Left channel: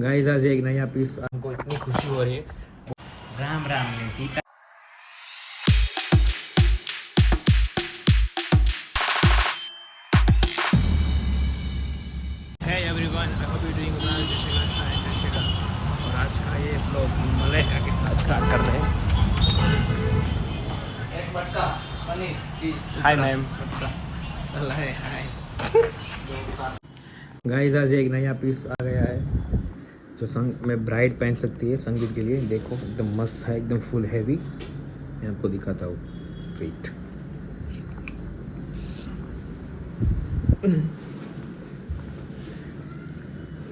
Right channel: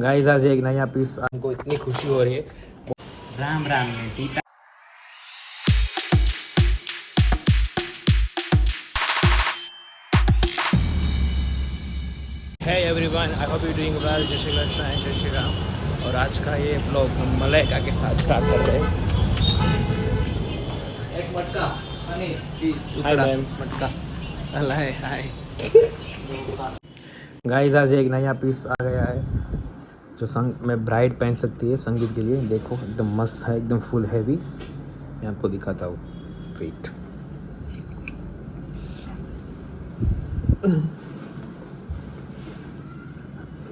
Guys आज एक नया पीस हमको इतनी खुशी हो रही है। राम राम ने Sita. Hey everyone, I hope you're doing well. जय श्री कृष्ण एंड जय श्री राम। और आज का ये ब्लॉग हम मलाइका के साथ स्टार्ट कर रहे हैं। Hi ma'am. मटका हाय। गाइस आज एक नया पीस आ गया है जो संग में ब्राइड पहन सकती है संगीत के लिए। देखो एकदम मस्त है, एकदम फुल हैवी। मैं आपको दिखाता हूँ, वेट।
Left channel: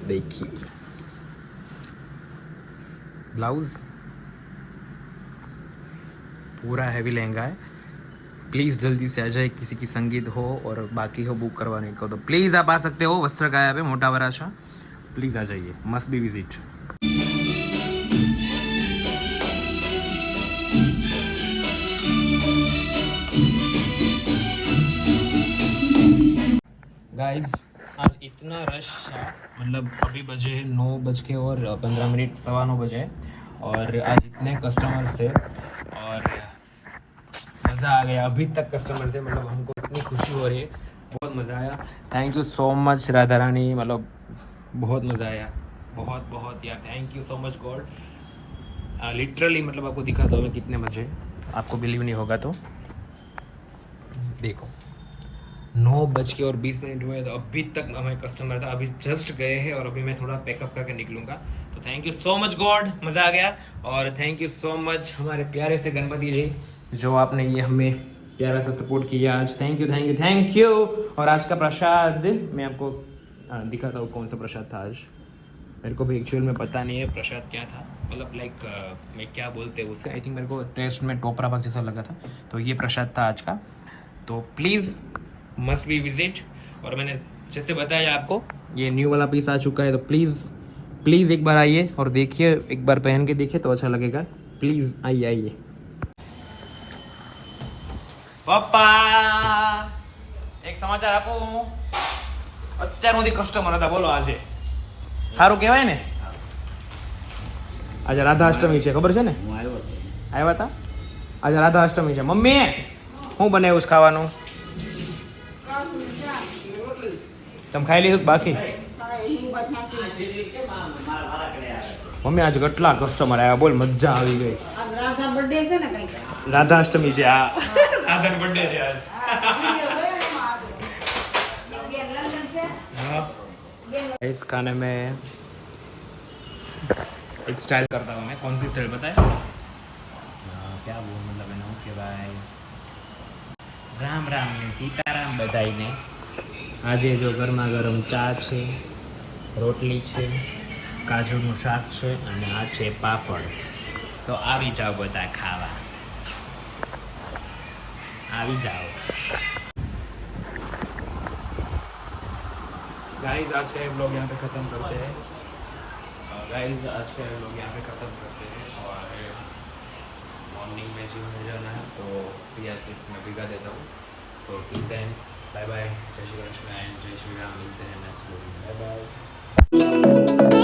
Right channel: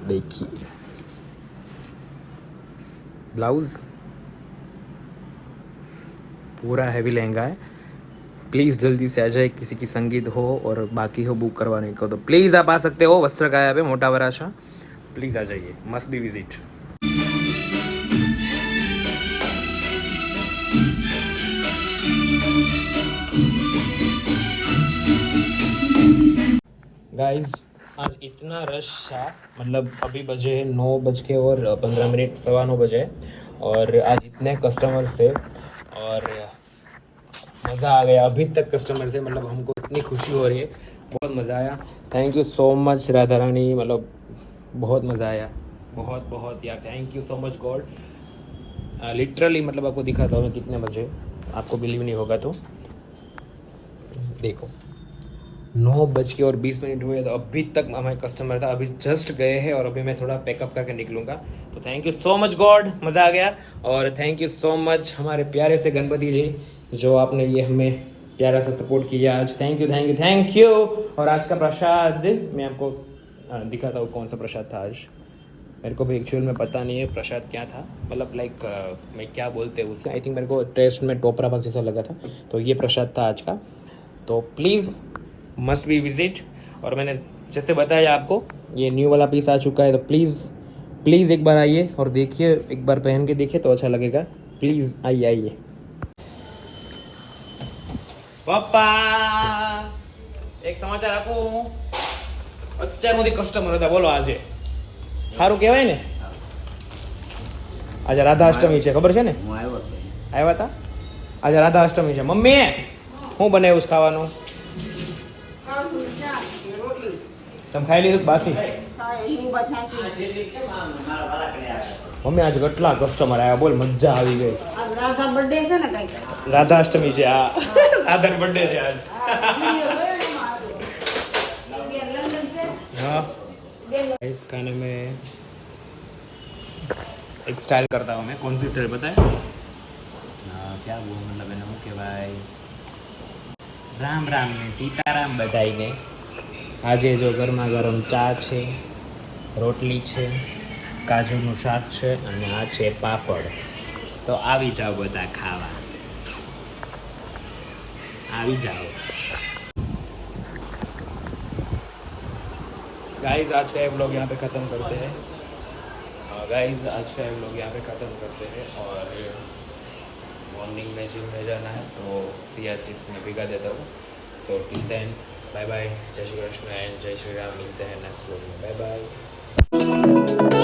देखिए ब्लाउज पूरा हैवी लहंगा है। प्लीज़ जल्दी से आ जाए, किसी की संगीत हो और बाकी हो बुक करवाने को तो प्लीज़ आप आ सकते हो। वस्त्रकाया पे मोटा वराशा, प्लीज़ आ जाइए, मस्ट बी विजिट। गाइस आज इतना रश था, मतलब अभी बजे है 9:15, 9:15 बजे, और आज इतने कस्टमर्स थे और मज़ा आ गया। अभी तक कस्टमर थे, मतलब हमको इतनी खुशी हो रही है, बहुत मज़ा आया। Thank you so much Radha Rani, मतलब बहुत मज़ा आया, बहुत यार। Thank you so much God. Literally मतलब आपको दिखाता हूँ मैं कितने बजे, आपको बिलीव नहीं होगा तो देखो। 9:20 हुए तो अभी तक हमारे कस्टमर था। अभी जस्ट गए हैं और अभी मैं थोड़ा पैकअप करके निकलूंगा। तो thank you so much God, मज़ा आ गया। और थैंक यू सो मच हमारे प्यारे से गणपति जी, जो आपने ये हमें प्यारा सा सपोर्ट किया आज। Thank you. और आज का प्रसाद मैं आपको दिखाता हूँ कौन सा प्रसाद था आज। मेरे को भी एक्चुअल में पता नहीं है प्रसाद क्या था, मतलब लाइक मैं क्या बोलते हैं उसे। आई थिंक मेरे को टेस्ट में टोपरा पाक जैसा लगा था, तो ये प्रसाद था आज का। तो प्लीज़ मस्ट बी विजिट। और मैंने जैसे बताया आपको, ये न्यू वाला पीस आ चुका है, तो प्लीज़ एक बार आइए और देखिए, एक बार पहन के देखिए तो अच्छा लगेगा। प्लीज़ आइए। પપ્પા એક સમાચાર આપું। અત્યાર સુધી કસ્ટમર હતા, બોલો આજે સારું કહેવાય ને। આજે રાધા અષ્ટમી છે, ખબર છે ને? આવ્યા હતા આજે રાધા અષ્ટમી છે। મમ્મી શું બનાવ્યું છે ખાવાનું? તમે ખાઈ લીધું બાકી? મમ્મી આજે કેટલા કસ્ટમર આવ્યા, બોલ મજા આવી ગઈ। રાધા બર્થડે છે ને કઈ? રાધા અષ્ટમી છે, આ રાધા બર્થડે છે आज। हाँ, इस खाने में एक स्टाइल करता हूँ मैं। कौन सी स्टाइल बताए? क्या बोल, मतलब है के भाई રામ રામ ને સીતારામ બધાઈને। આજે જો ગરમા ગરમ ચા છે, રોટલી છે, કાજુનું શાક છે અને આ છે પાપડ। તો આવી જાઓ બધા ખાવા, આવી જાઓ। गाइस आज का ये ब्लॉग यहाँ पे ख़त्म करते हैं। और मॉर्निंग में जिम में जाना है तो CR6 में भिगा देता हूँ। So till then bye bye, जय श्री कृष्ण एंड जय श्री राम। मिलते हैं नेक्स्ट ब्लॉग में, बाय बाय।